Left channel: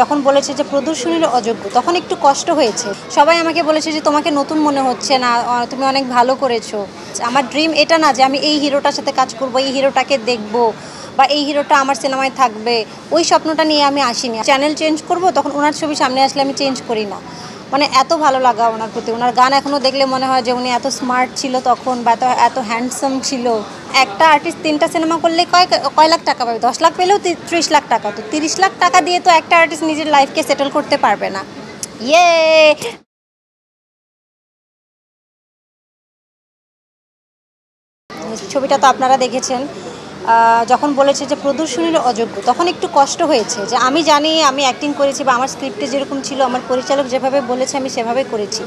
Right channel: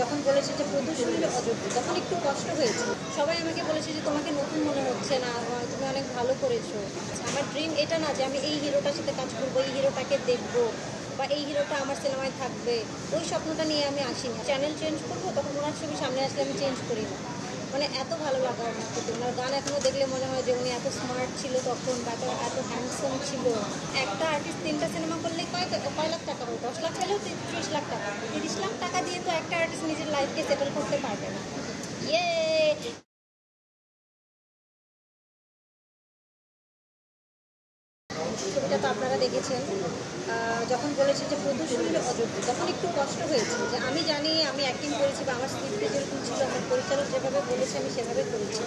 যখন বলেছে যে প্রদর্শনীর অযোগ্য, তখন একটু কষ্ট হয়েছে। সবাই আমাকে বলেছে যে তোমাকে নতুন মনে হচ্ছে না, তুমি অনেক ভালো করেছো। আমার ড্রিম এটা না যে আমি এই হিরোটার সাথে কাজ করব, এই হিরোটাকে দেখব বা এই হিরোটা আমার সিনেমায় থাকবে, ওই স্বপ্নটা নিয়ে আমি আসিনি। চ্যানেল চেঞ্জ করব, তখন ওনার ছবি সামনে আসলে আমি চেঞ্জ করি না। মানে এত ভালো লাগা ওনার প্রতি। ওনার গান এখনও দেখলে মনে হয় যে উনি এত স্মার্ট ছিল তখন, বা এত হ্যান্ডসাম ছিল। একটা আর্টিস্ট 3টা সিনেমা করলে কয় লাখ টাকা পাবে? 10 লাখ পেলেও 30 লাখ টাকা। তো 30 লাখ টাকা দিয়ে তো একটা আর্টিস্ট নিজের লাইফকে সেটেল করতে পারবে না। ইয়ে ছবিটা তো আপনারা দেখেছেন। যখন বলেছে যে প্রদর্শনীর অযোগ্য, তখন একটু কষ্ট হয়েছে। যে আমি জানি আমি অ্যাক্টিং করেছি বা আমার স্ক্রিপ্টে যেরকম ছিল, আমার পরিচালক যেভাবে বলেছে আমি সেভাবে করেছি।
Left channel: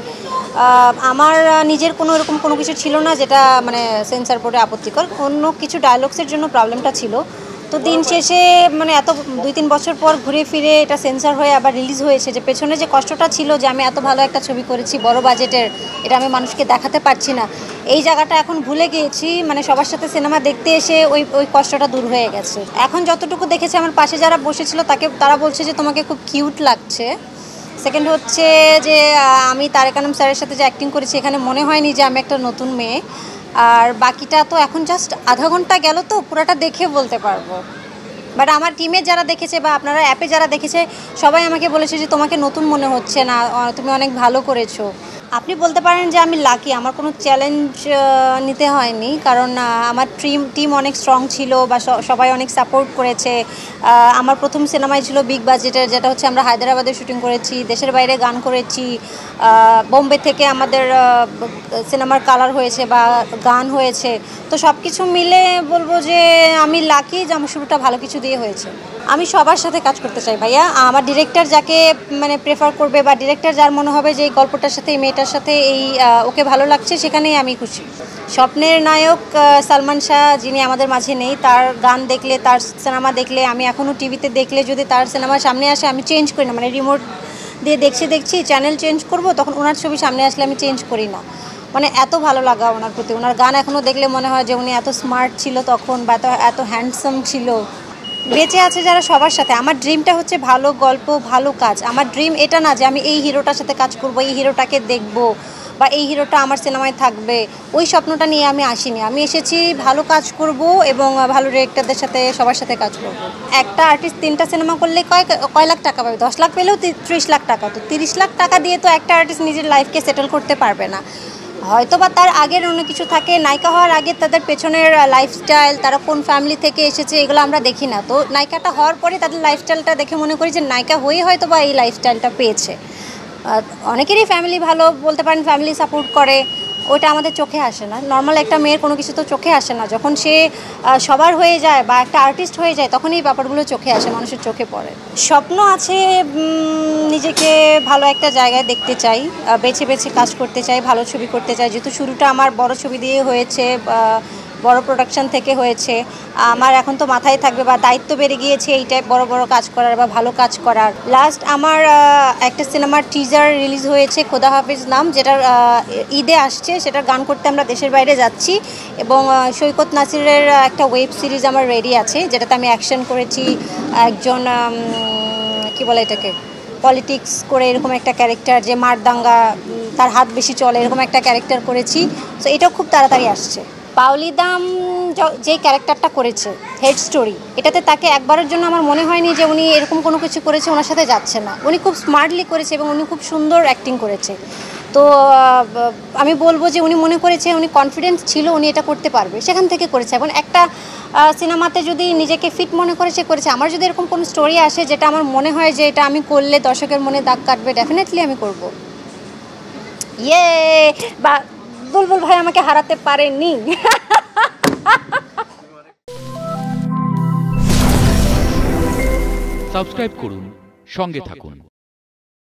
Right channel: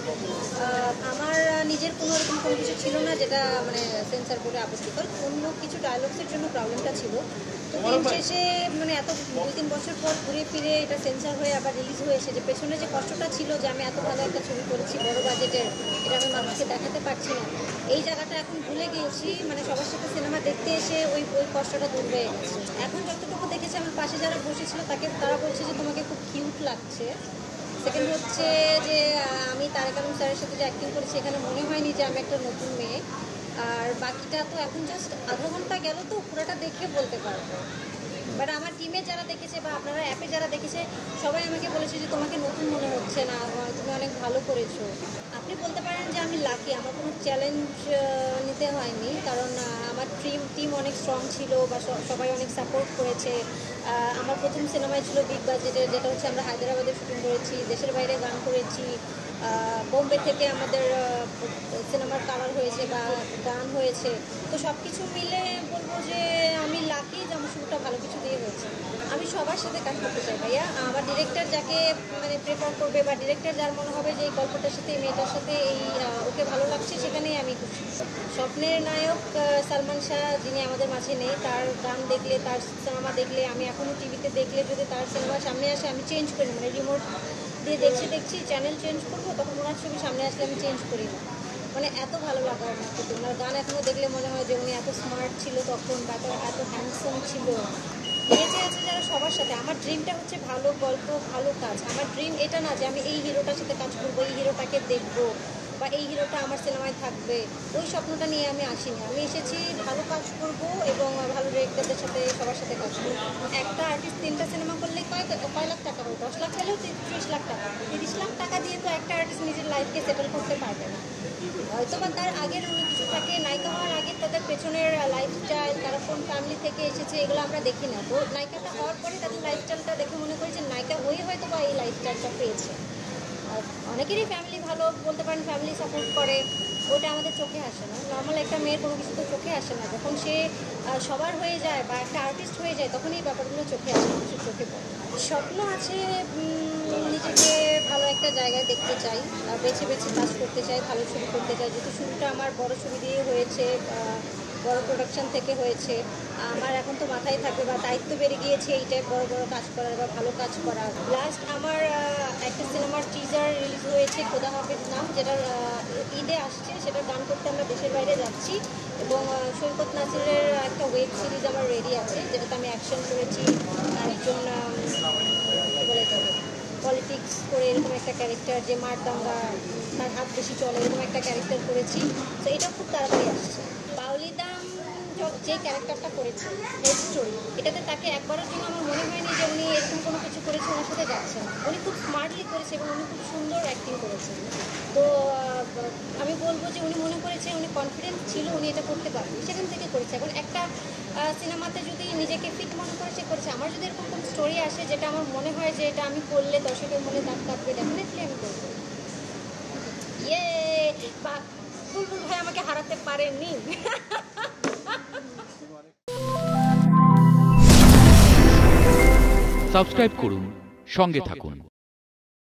আমার নিজের কোনো এরকম কোনো কিছু ছিল না যেটা মানে সেন্সর বোর্ডে আপত্তিকর। অন্য কিছু ডায়লগসের জন্য প্রবলেমটা ছিল। তো দিন শেষে মানে এত 2-3 বছর পর ঘুরে ফিরে এটা সেন্সর হয়ে আবার রিলিজ হয়েছে। যে পেছনে যে কষ্টটা ছিল যে আমি এত ভালো একটা ছবি করেছি বড় বাজেটের, এটা আমি মানুষকে দেখাতে পারছি না, এই জায়গাটা এখন ভুলে গিয়েছি। মানে সবার সাথে সিনেমা দেখতে এসে ওই কষ্টটা দূর হয়ে গেছে। এখন যতটুকু দেখেছি আমার পাশে যারা বসেছিল তারা বলছে যে তোমাকে খুব কিউট লাগছে। সেকেন্ড হচ্ছে যে আমি তারেক আনাম স্যারের সাথে যে অ্যাক্টিং করেছি, এখানে মনে হয়নি যে আমি একটা নতুন মেয়ে। আর বাকিটা তো এখন জাস্ট আধা ঘন্টা গেল, তো পুরোটা দেখে বলতে পারবো। বাট আমার টিমে যারা দেখেছে বা আপনারা অ্যাপে যারা দেখেছে, সবাই আমাকে বলেছে যে তোমাকে নতুন মনে হচ্ছে না, তুমি অনেক ভালো করেছো। আপনি বলতে পারেন যে আমি লাকি, আমার কোনো চ্যালেঞ্জ নিতে হয়নি। কারণ আমার টিম অনেক স্ট্রং ছিল বা সবাই অনেক সাপোর্ট করেছে। আমার প্রথম সিনেমাই ছিল বিগ বাজেটের, যেটা হচ্ছে আমরা হায়দ্রাবাদে শুটিং করেছি, দেশের বাইরে গান করেছি, বোম্বে থেকে আমাদের সিনেমার কালার হয়েছে বা গান হয়েছে। তো সব কিছু মিলে বলবো যে আমি লাকি যে আমার শুরুটা ভালো কিছু দিয়ে হয়েছে। আমি সবার সাথে কাজ করতে চাই ভাইয়া। আমার ডিরেক্টর যাকে মানে প্রেফার করবে বা ডিরেক্টর যার মনে হবে যে এই গল্পটার সাথে এই মেয়েটার সাথে ওকে ভালো লাগছে, সেখানেই আমি খুশি। স্বপ্নের নায়ক সালমান শাহ, যিনি আমাদের মাঝে নেই, তার গান দেখলে, তার সিনেমা দেখলে, আমি এখনও টিভিতে দেখলে যদি তার সিনেমা সামনে আসে আমি চেঞ্জ করি না। মানে রিমোট দিয়ে দেখছি চ্যানেল চেঞ্জ করব, তখন ওনার ছবি সামনে আসলে আমি চেঞ্জ করি না। মানে এত ভালো লাগা ওনার প্রতি। ওনার গান এখনও দেখলে মনে হয় যে উনি এত স্মার্ট ছিল তখন, বা এত হ্যান্ডসাম ছিল। বেঁচে আছে যারা সবার সাথে। আমার ড্রিমটা হচ্ছে ভালো গল্প, ভালো কাজ। আমার ড্রিম এটা না যে আমি এই হিরোটার সাথে কাজ করব, এই হিরোটাকে দেখব বা এই হিরোটা আমার সিনেমায় থাকবে, ওই স্বপ্নটা নিয়ে আমি আসিনি। আমি এসেছি ভালো কাজ করব এবং ভালো ডিরেক্টরদের সাথে সবার সাথে কাজ করব। একটা আর্টিস্ট 3টা সিনেমা করলে কয় লাখ টাকা পাবে? 10 লাখ পেলেও 30 লাখ টাকা। তো 30 লাখ টাকা দিয়ে তো একটা আর্টিস্ট নিজের লাইফকে সেটেল করতে পারবে না। হয়তো বা তার আগের অন্য কিছু থাকে। নায়িকা হওয়ার আগে তাদের পেছনের লাইফস্টাইল, তারা কোন ফ্যামিলি থেকে এসেছে, এগুলো আমরা দেখি না। তো নায়িকাটা হওয়ার পরে তাদের লাইফস্টাইলটা দেখে মনে করি যে নায়িকা হয়ে হয়তো বা এই লাইফস্টাইলটা পেয়েছে। অনেকেরই ফ্যামিলি ভালো, বলতে পারেন ফ্যামিলি সাপোর্ট করে, ওইটা আমাদের চোখে আসে না। নর্মাল একটা মেয়ের কোনো কিছু তো চোখে আসে না। যখন সে সবার হয়ে যায় বা একটা আর্টিস্ট হয়ে যায়, তখন এই ব্যাপারগুলো চোখে আসে, মানুষের চোখে পড়ে। স্বপ্ন আছে, নিজেকে ভালো একটা জায়গায় দেখতে চাই, বেছে বেছে কাজ করতে চাই, ভালো ছবি করতে চাই। যেহেতু শুরুটা আমার বড় ছবি দিয়ে হয়েছে, বড় প্রোডাকশন থেকে হয়েছে, আমার এখন তো মাথায় থাকবে বা দায়িত্ব বেড়ে গিয়েছে এই টাইপ বড় বড় কাজ করার বা ভালো কাজ করার। লাস্ট আমার একটা সিনেমার টিজার রিলিজ হয়েছে, খোদা হাফিজ নাম, যেটার ঈদে আসছে। সেটার গান করতে আমরা দেশের বাইরে যাচ্ছি। এবং সৈকত নাসিরের একটা ওয়েব সিরিজ আমার রেডি আছে, যেটাতে আমি অ্যাকশন করেছি। একজন কি বলে এটাকে, পলিটিক্স করে এরকম একটা ক্যারেক্টার, যে মারদাঙ্গা, তার হাত বেশি চলে, এরকম একটা ক্যারেক্টার করেছি। তো এটাও খুব তাড়াতাড়ি আসছে। পাওলি দাম যে ক্যারেক্টারটা করেছে, হেড স্টোরি, এটাতে তাকে একবারের জন্য আমার মনে হয়নি যে উনি এরকম কোনো কিছু করেছে ওনার সাথে যাচ্ছে না। উনি খুব স্মার্টলি করেছে এবং উনি খুব সুন্দর অ্যাক্টিং করেছে। তো আমি বলবো যে উনি মনে করেছে, উনি কনফিডেন্স ছিল উনি এটা করতে পারবে, সেখান থেকে করেছে। এখন একটা সিনেমাতে যদি নিজেকে ফিট মনে করেছে করেছে। আমার যদি এরকম কোনো স্টোরি আসে যেটা আমার মনে হয় যে এটা আমি করলে দর্শকের মনে দাগ কাটবে, ডেফিনেটলি আমি করব। বা বুলবুল ভাই আমাকে হারাতে পারেনি। সাবস্ক্রাইব করুন, সঙ্গে থাকুন।